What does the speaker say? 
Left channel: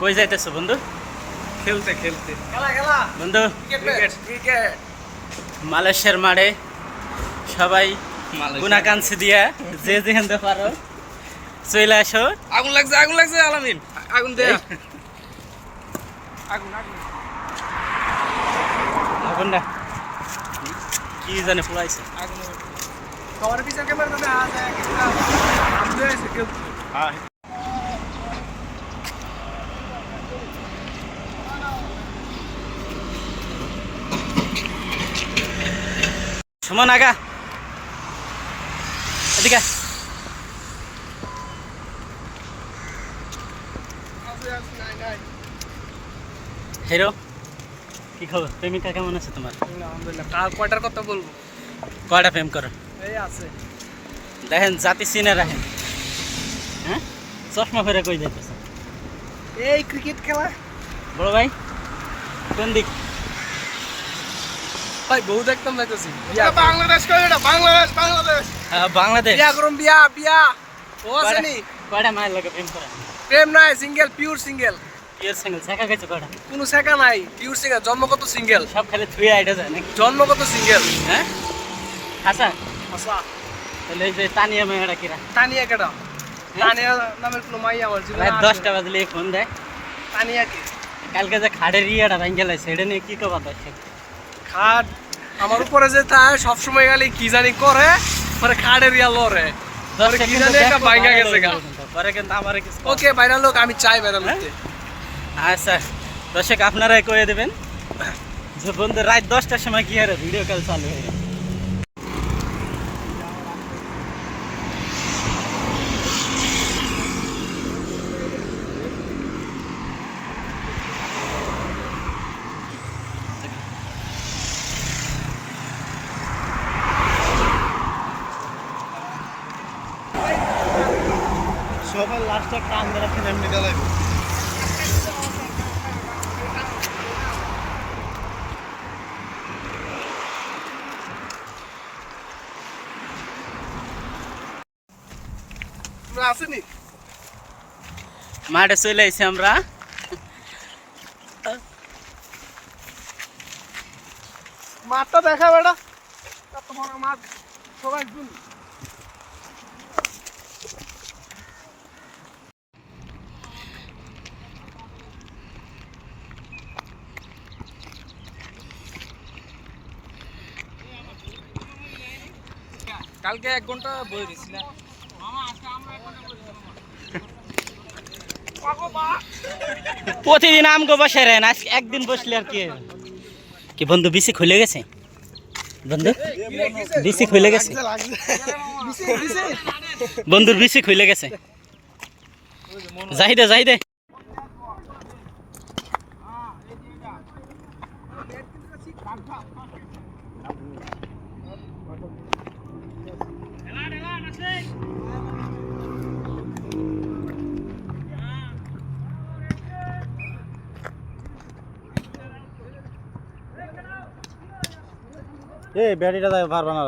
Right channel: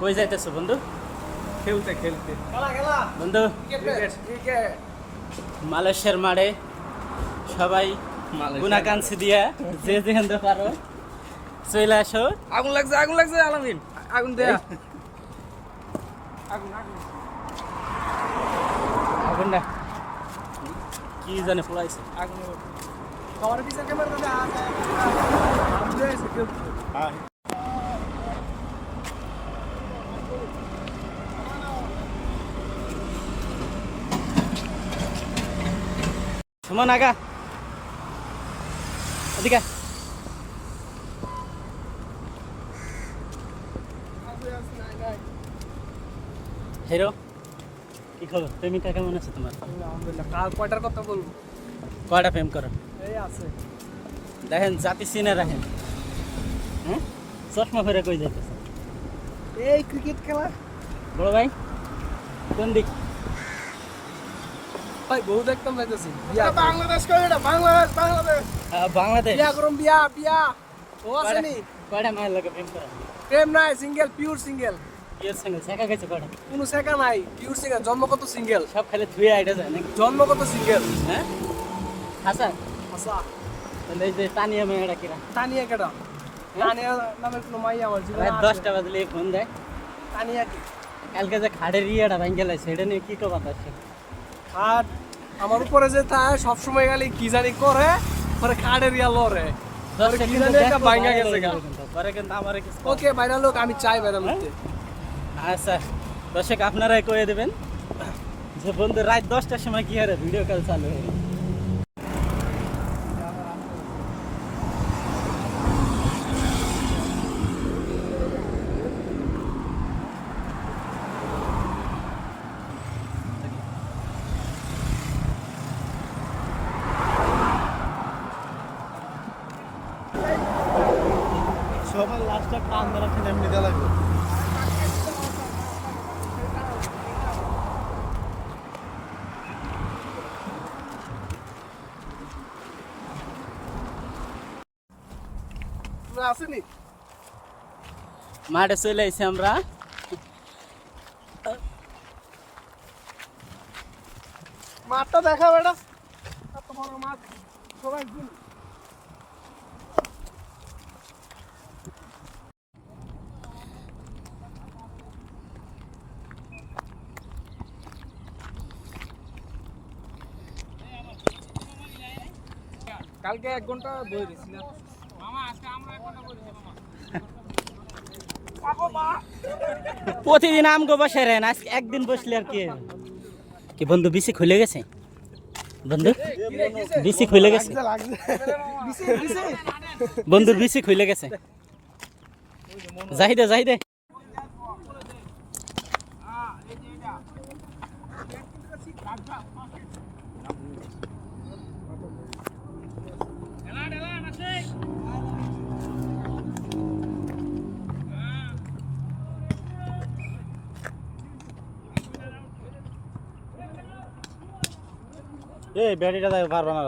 কই যাইতেছো বন্ধু? খেলতে খেলতে খেলা খেলা বন্ধু ক্রিকেট ক্রিকেট মালয়েশিয়ার মাঠে সবাই গুনাকাঞ্চি দিয়া যে যেখানে পারো চলে আসো। আগুন লাগছে আলামিন আগুন দে আগুন আগুন আগুনটা কি জানে পোলাইছে। আগুন তোমার পিছনে ক্যামেরা দে আ যায় কিনা বুঝেছ কেউ হ্যাঁ সুমন আগা এদিকে আয়। হিরো কি খবর? প্রেমিকা কেমন আছে তোমার? আলহামদুলিল্লাহ কাল কয়টার কথা বলবো? কয়টা প্রেম করো? এই আছে দেখেন জাতি চিনে রাখেন। হ্যাঁ চশমা ফেরে কই যাইতেছে? এই ক্রিকেট খেলা বড় ভাই কোন দিক? ভাই বহু দেখতাম যাইতেছি বিয়া বাংলাদেশ কই এটা বাংলাদেশ বাংলাদেশ বিয়া করুম বিয়া ও আসেনি কয়টা মায়ের লোকে প্রেম করে? প্রেম নাই single pure single pure single শেখা গেছে কয়টা? কোনো শেখা নাই পিওর সিঙ্গেল জন্মগত সিঙ্গেল সব খালি থুয়ে আইটা যায় নাকি? জন্মগত সিঙ্গেল হ্যাঁ আচ্ছা আচ্ছা তাহলে এই যে তানিয়া মেয়েটা কিরা তানিয়া কেডা তানিয়া নামের কোনো মাই আমার জীবনে রাত আছে? 10টা বাজলে ফোন দেয়। তানিয়া কি কালকে যে খাড়ের ইয়েটা ভাঙ্গে লাইছে সেটা নিয়ে কি কথা আছে? খাট আমার উপরে যে তাই সব সময় গেলে কি জানি করে পরে খাটের ইয়া লরে পরে কি জানি একটা ভাঙা গেছে গা পরে কিন্তু আমার কিছু ওকে ভাইরাল লোক আমি চাই ভাইরাল হতে আচ্ছা দর্শক আপনারাই কয়ে দেবেন যে বন্ধু রাত 10টার সময় কি হারে ভিডিও কল চালু হয়ে গেছে। সবার লাস্টে কান ধরে ফিল্ম নিতে লাগবে। তোমরা আসেনি মাঠে চলে আইছি আমরা। মাঠটা দেখা বেটা কত বড় মাঠ সবাই শুন কালকে 1 ঘন্টা বই দিছিলাম মামা আজকে আমরা 1 ঘন্টা বই দিছিলাম প্রতিদিন আমগো বসে রেন আজ একদিন বসলে আর কি কি বন্ধু বিসি খুলে গেছে? বন্ধু বিসি খুলে গেছে? বন্ধুর বিসি খুলে গেছে। যাইদে এ ব্যাটারিটা পারবা না।